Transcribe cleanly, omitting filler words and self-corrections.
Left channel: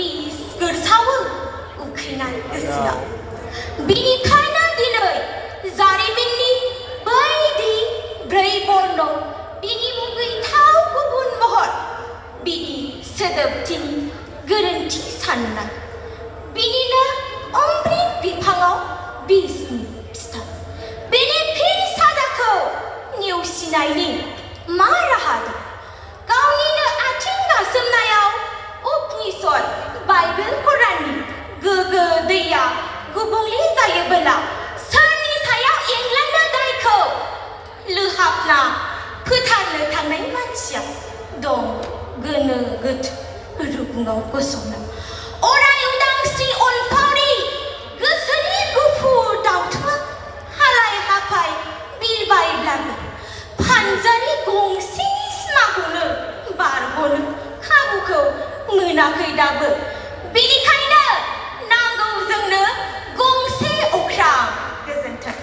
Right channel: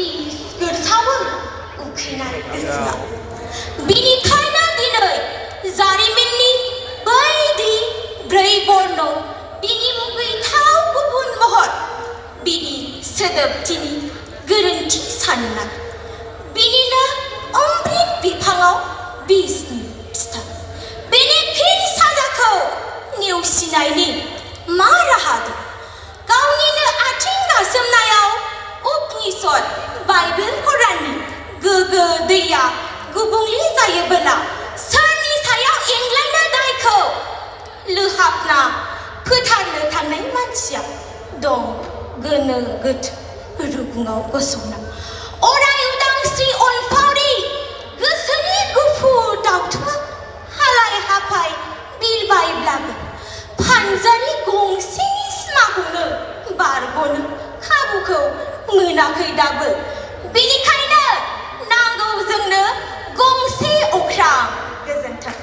बिस गोरसावो उखैनाय गोसोआव बिनिखायनो दिनै जारिमिननि बायदि ब्रै बर्न बिनि मुगैथाव गुबुन महर बिनि सोदोबथिनि गोरोन्थि साननाय बिनिनो अमृत बिफाङाव बिसनि फिथाइ बेनि फिन साजाखौ नेवसिनायनि मा राहा दं गावनिनो आथिं गासोमनायाव उपनिषद बाइबेल कुराननि गोगो दैया गुबुंले जायोबोला सोरनि सायाव एंग्लांनो दायखौ लोहाबना फोथारनो थांनाय मानसिया दं गोनो गोथो रुगुङाव गसंना अराय उदांस्रि अनफावरि गोसोनि गुफुर दावथुआ हालाय हाफाय बिरबायब्लाबो फानजारि गंसेनि सिमाखौनो बारग'नो खाबुखौ मोनाखै दाबो बेनिखायनो नांगौ जोंनो गंसे अख्रां गोजोन्थों